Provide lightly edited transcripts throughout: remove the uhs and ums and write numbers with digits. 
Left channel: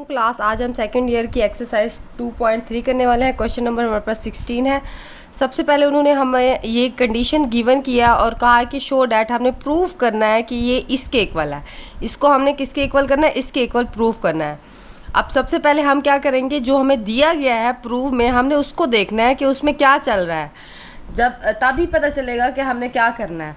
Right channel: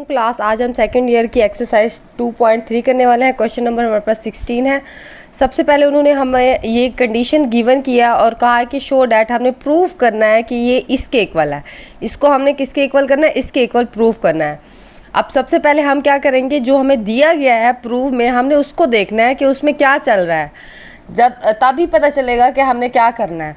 वालेकुम क्लास। आज हम सेकंड ईयर की एक्सरसाइज 2.3 करने वाले हैं। क्वेश्चन नंबर हमारे पास 16 है। सबसे पहले उन्होंने हमें ये कंडीशन गिवन किया और कहा है कि शो डैट हमने प्रूव करना है कि ये इसके इक्वल है। इसको हमने किसके इक्वल करना है? इसके इक्वल प्रूव करना है। अब सबसे पहले हम क्या करेंगे, जो हमें दिया गया है प्रूव में हमने उसको देखना है कि उसमें क्या चल रहा है, जब तभी पता चलेगा कि हमने क्या करना है।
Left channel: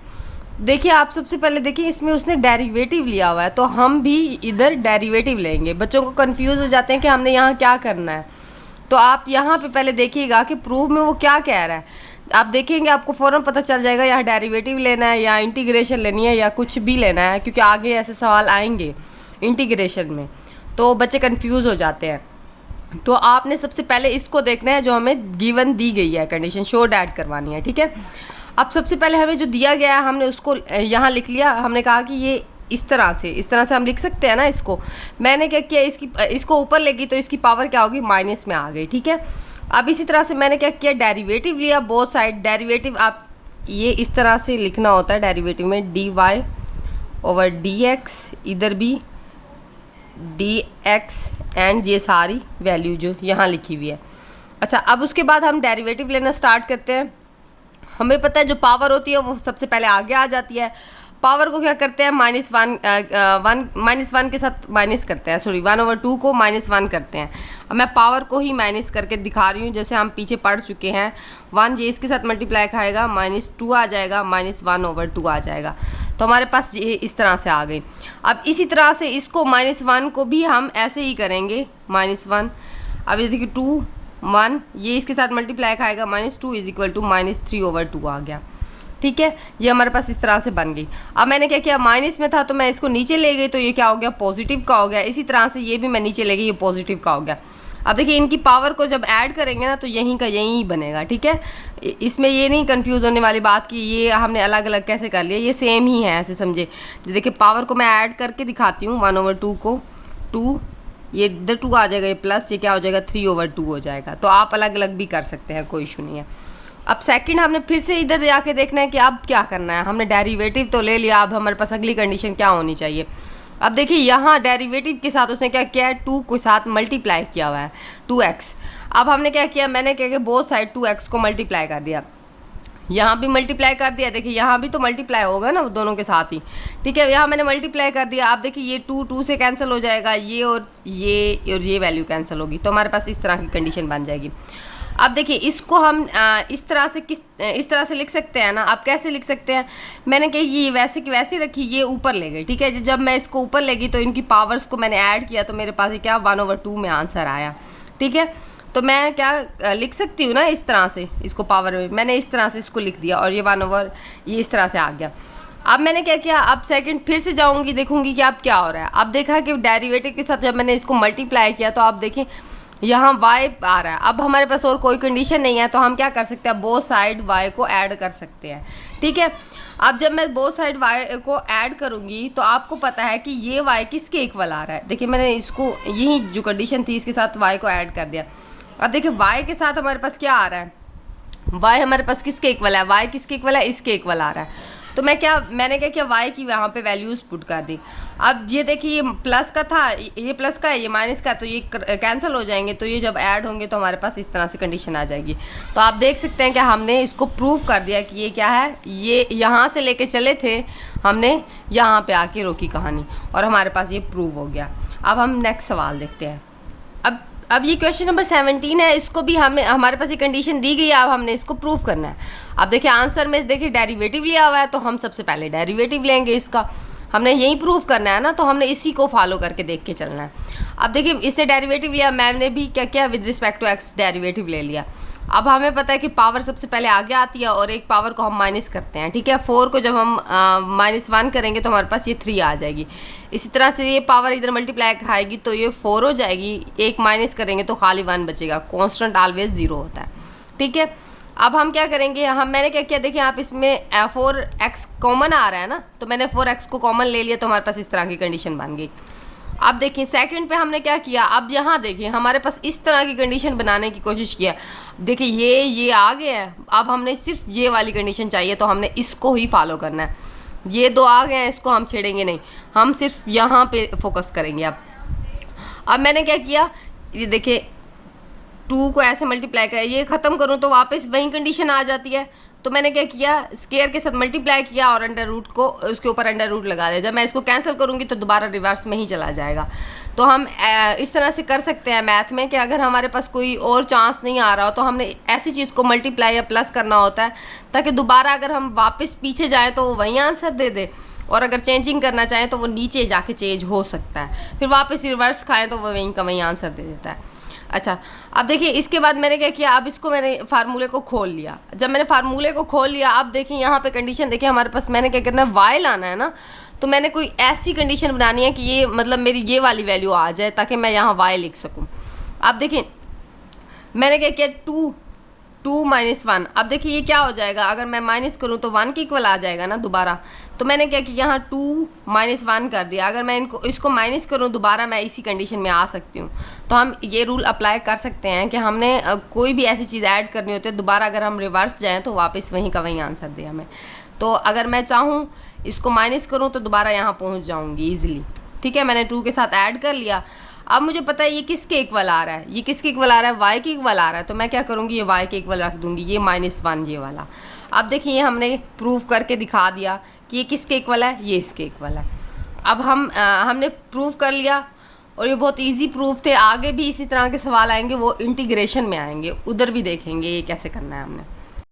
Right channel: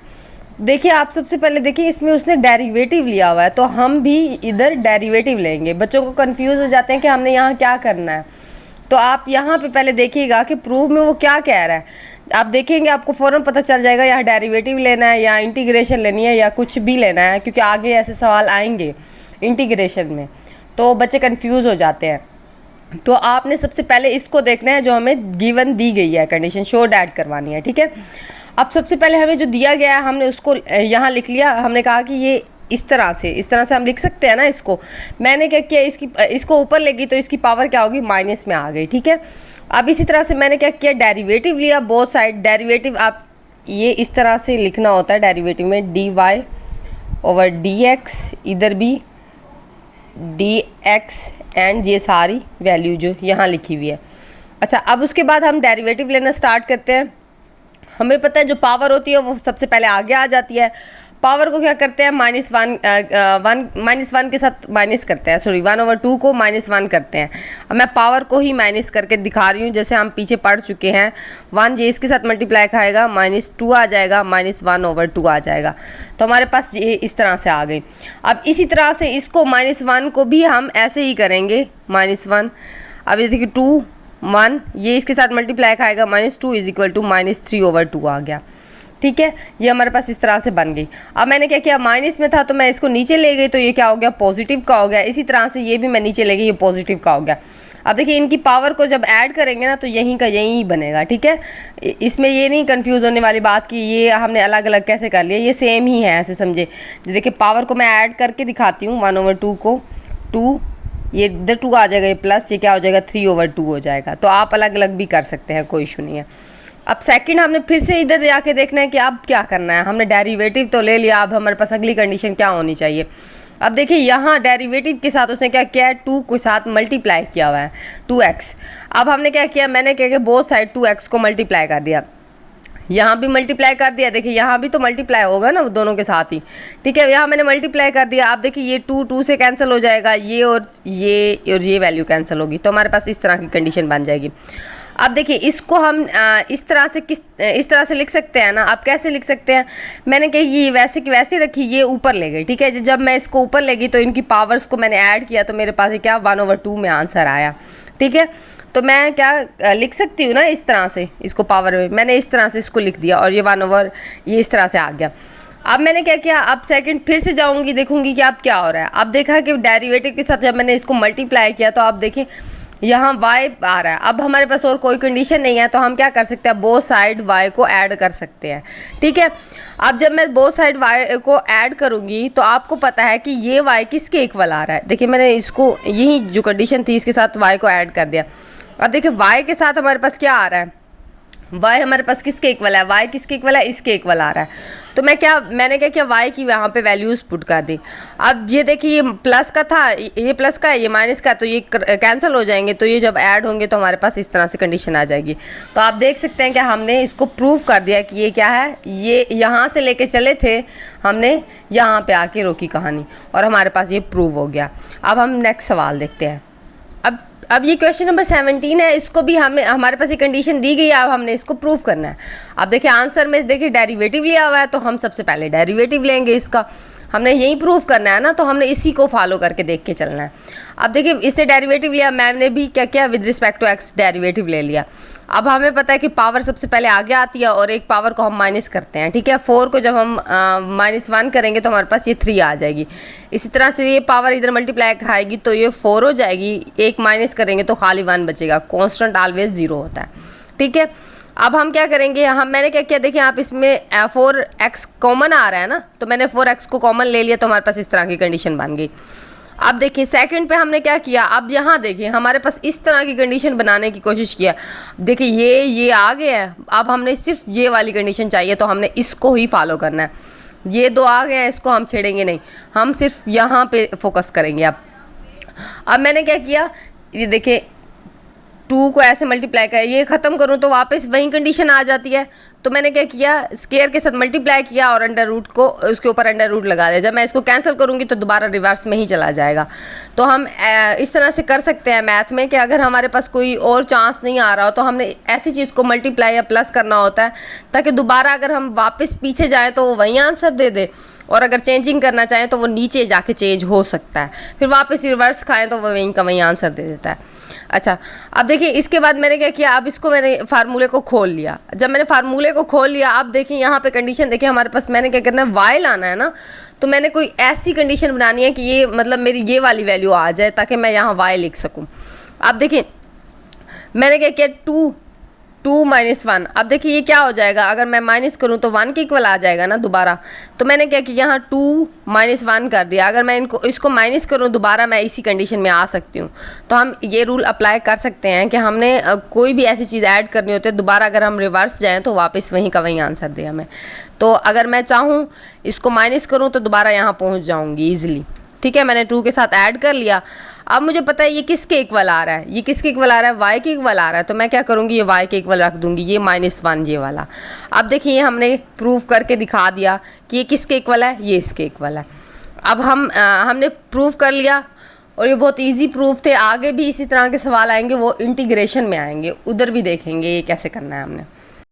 देखिए, आप सबसे पहले देखिए, इसमें उसने डेरिवेटिव लिया हुआ है तो हम भी इधर डेरिवेटिव लेंगे। बच्चों को कंफ्यूज हो जाते हैं कि हमने यहाँ क्या करना है। तो आप यहाँ पे पहले देखिएगा कि प्रूफ में वो क्या कह रहा है। आप देखेंगे आपको फ़ौरन पता चल जाएगा यहाँ डेरिवेटिव लेना है या इंटीग्रेशन लेनी है या कुछ भी लेना है, क्योंकि आगे ऐसे सवाल आएंगे इंटीग्रेशन में, तो बच्चे कन्फ्यूज़ हो जाते हैं। तो आपने सबसे पहले इसको देखना है जो हमें गिवन दी गई है, कंडीशन शो डैट करवानी है। ठीक है, अब सबसे पहले हमें जो दिया गया है हमने उसको यहाँ लिख लिया। हमने कहा कि ये इस तरह से हम लिख सकते हैं ना इसको। मैंने क्या किया, इसको ऊपर लेगी तो इसकी पावर क्या होगी, माइनस में आ गई। ठीक है, अब इसी तरह से मैंने क्या किया, डेरिवेटिव लिया बोथ साइड। डेरिवेटिव आप ये इस तरह से लिखना होता है डेरिवेटिव में, dy ओवर dx, इधर भी dx एंड ये सारी वैल्यू जो यहाँ लिखी हुई है। अच्छा, अब उसके बाद हम डेरिवेटिव लेना स्टार्ट करते हैं। हमें पता है जो पावर होती है वो सबसे पहले आगे आ जाती है। पावर को क्या करते हैं, -1 के साथ माइनस करते हैं, सॉरी 1/2 को -1 करते हैं। अब मैं पावर को ही माइनस करके दिखा रही हूँ, जैसे हम पीछे पढ़ चुके हैं। 1 ये इसके साथ मल्टीप्लाई खाएगा, -2 आ जाएगा, -1/2 आ जाएगा। तो हमारे पास ये इस तरह से आ गई। अब इसी तरह से इसको -1 को भी हम ऐसे ही करेंगे, -1। अब ये देखिए 2 1 ये इसके साथ मल्टीप्लाई खाएगा, -2 = -3/2 आ गया। ठीक है, ये हमारे पास इस तरह से बन गई। अब मैंने क्या किया, माइनस में था तो मैं इसको नीचे ले गई, तो ये क्या हो गया, पॉजिटिव का हो गया। इसी तरह से ये भी मैं नीचे ले गई, ये पॉजिटिव का हो गया। अब देखिए, इनकी पावर को जब ऐड करेंगे ना तो यहीं का यहीं बनेगा। ठीक है, इसमें ये नहीं कंफ्यूज होने वाली बात कि ये हमने अलग अलग कैसे कर लिया, ये सेम ही है, ऐसे समझे। देखिए, पावर को मैं ऐड करके दिखाती हूँ। 1/2 को 2, ये इधर 2 आ जाएगा, ये प्लस, ये क्या हो जाएगा, 3/2 हो जाएगा। तो आप अलग अलग भी कर सकते हैं, कोई इशू नहीं है। अब सेकंड हमने फिर से इधर जाके देखना है कि अब क्या करना है। हमने डेरिवेटिव तो ले लिया, अब हमारे पास अगली कंडीशन क्या होनी चाहिए। अब देखिए, यहाँ डेरिवेटिव के साथ उसने क्या किया है, 2 के साथ मल्टीप्लाई किया हुआ है, 2x। अब हमने क्या किया, मैंने क्या किया, बोथ साइड 2x को मल्टीप्लाई कर दिया, यहाँ भी मल्टीप्लाई कर दिया। देखिए, यहाँ भी तो मल्टीप्लाई होगा ना दोनों के साथ ही। ठीक है, यहाँ मैंने मल्टीप्लाई कर दिया। अब देखिए, ये 2 से कैंसिल हो जाएगा, ये और ये वैल्यू कैंसिल होगी, तो हमारे पास इस तरह की कंडीशन बन जाएगी। अब देखिए, इसको हम इस तरह से लिख सकते हैं ना। आप कैसे लिख सकते हैं, मैंने कही ये वैसे की वैसे रखी, ये ऊपर ले गई। ठीक है, जब मैं इसको ऊपर ले गई तो इनकी पावर्स को मैंने ऐड किया, तो मेरे पास ये क्या 1/2 में आंसर आया। ठीक है, तो मैं क्या लिख सकती हूँ ना, इस तरह से इसको पावर में मैंने इस तरह से इसको लिख दिया, और ये इस तरह से आ गया। अब मैंने क्या किया, अब सेकंड फिर से जाऊँगी, देखूँगी कि अब क्या हो रहा है। अब देखा कि डेरिवेटिव के साथ जब मैंने इसको मल्टीप्लाई किया तो आप देखें यहाँ y आ रहा है। अब हमारे पास और कोई कंडीशन नहीं है, तो हम क्या कर सकते हैं, बोथ साइड y को ऐड कर सकते हैं। ठीक है, अब जब मैं बोथ साइड y को ऐड करूँगी तो आपको पता है कि ये y किसके इक्वल आ रहा है। देखिए, मैंने इसको यही जो कंडीशन थी इसके साथ y को ऐड कर दिया। अब देखिए, y के साथ हमारे पास क्या आ रहा है, y हमारे पास किसके इक्वल है, y किसके इक्वल है, इसके इक्वल आ रहा है। तो मैंने क्या किया, y की यहाँ पे वैल्यूज़ पुट कर दी। अब ये देखिए, ये प्लस का था, ये प्लस का है, ये माइनस का, तो ये कैंसिल हो जाएंगे, तो ये जब ऐड होंगे तो हमारे पास इस तरह से कंडीशन आ जाएगी। तो आप देख सकते हैं कि हमने इसको प्रूव कर दिया कि ये क्या है, ये यहाँ से लेके चले थे, हमने यहाँ पे आके रोकी कहानी, और हमारे पास ये प्रूव हो गया। अब हम नेक्स्ट सवाल देखते हैं। अब ये क्वेश्चन नंबर 17 है। इसको भी हमारे पास ये कंडीशन दी गई है, अब हमने इसको प्रूव करना है। अब देखिए, आंसर में देखिए डेरिवेटिव लिया हुआ है, तो हम सबसे पहले डेरिवेटिव लेंगे इसका। हमने यही प्रूव करना है ना, तो हमने इसी को फॉलो करके देख के चलना है। अब देखिए, इसने डेरिवेटिव लिया, मैंने भी क्या किया, with respect to x derivative ले लिया। अब हमें पता है कि पावर सबसे पहले आगे आती है और एक पावर को हम माइनस करते हैं। ठीक है, 4 को जब हम -1 करेंगे तो हमारे पास ये 3 आ जाएगी। इसी तरह से ये पावर इधर मल्टीप्लाई खाएगी तो ये 4 हो जाएगी, एक माइनस करेंगे तो खाली 1 बचेगा। कांस्टेंट ऑलवेज 0 होता है। ठीक है, अब हम क्या करेंगे, मैंने क्या किया, देखिए आप इसमें 4x कॉमन आ रहा है ना, तो मैंने 4x को कॉमन ले लिया, तो हमारे पास इस तरह की कंडीशन बन गई। अब देखिए, सेकंड पे हमने क्या किया, अब यहाँ देखिए हमारे पास इस तरह की कंडीशन बनाने की कोशिश किया। देखिए, ये आ गया है, अब हमने सिर्फ ये वाली कंडीशन चाहिए, तो हमने इसको ही फॉलो करना है। ये 2 आ गए हैं, इसको हम छेड़ेंगे नहीं, हम सिर्फ यहाँ पे फोकस करेंगे। अब मैंने क्या किया, ये देखिए 2 को ऐसे मल्टीप्लाई किया, ये ख़त्म करूँ तो वापस वही कंडीशन आ जाती है। तो मैंने क्या किया, स्केयर के साथ मल्टीप्लाई किया और अंडर रूट को उसके ऊपर अंडर रूट लगा दिया। जब मैं इसको कैंसिल करूँगी तो दोबारा रिवर्स में ही चला जाएगा। तो हम इस तरह से कर सकते हैं मैथ में कि अगर हमारे पास कोई और चांस नहीं आ रहा हो तो हमने ऐसी चीज़ को मल्टीप्लाई या प्लस करना होता है ताकि दोबारा अगर हम वापस पीछे जाएँ तो वो वही आंसर दे दे, और अगर चेंजिंग करना चाहें तो वो नीचे जाके चेंज हो सकता है, फिर वापस रिवर्स खाएं तो वो वहीं का वहीं आंसर दे देता है। अच्छा, अब देखिए इसके बाद मैंने क्या किया, अब इसको मैंने फार्मूले को खोल लिया। जब मैंने फार्मूले को खोल लिया, अब देखिए यहाँ पे कंडीशन देखिए हमारे पास, मैंने क्या करना है, वाई लाना है ना। तो मैंने कोई ऐसी कंडीशन बनानी है कि ये मतलब मेरी ये वाली वैल्यू आ जाए ताकि मैं यहाँ वाई लिख सकूँ। अब देखिए मैंने क्या किया, 2 माइनस 1। अब देखिए ये क्या हो जाएगा, अगर मैं माइनस करूँ तो 1 के इक्वल आ जाएगा ना दोबारा। तो मैंने क्या किया, यहाँ 2 माइनस 1 कर दिया। अगर मैं इसको माइनस करूँ दोबारा मैं इसी कंडीशन में आ सकती हूँ। तो हम ये रूल अप्लाई कर सकते हैं कि हमने कोई भी ऐसी चीज़ ऐड करनी होती है, दोबारा अगर हम रिवर्स जाएँ तो वापस वहीं का वहीं आंसर दे हमें। तो अगर मैं चाहूँ इसको माइनस करूँ तो दोबारा यहाँ पहुँच जाऊँगी ईजिली। ठीक है, मैंने 2 के साथ ऐड कर लिया। अब मुझे पता है ये किसके इक्वल आ रहा है, ये किसके इक्वल आ रहा है, y के इक्वल आ रहा है। तो मैं क्या करूँगी, ये y के इक्वल रख दूँगी, ये -1 ये वाला। अब देखिए हमने प्रूव करके दिखा दिया कि ये किसके इक्वल है, ये इसके इक्वल है। अब हमने प्रूव कर लिया और ये बहुत इजी प्रूफ थे। आगे भी इसी तरह के सवाल आएंगे, वो इंटीग्रेशन में आएंगे, उधर भी देखेंगे ये कैसे करना है हमने।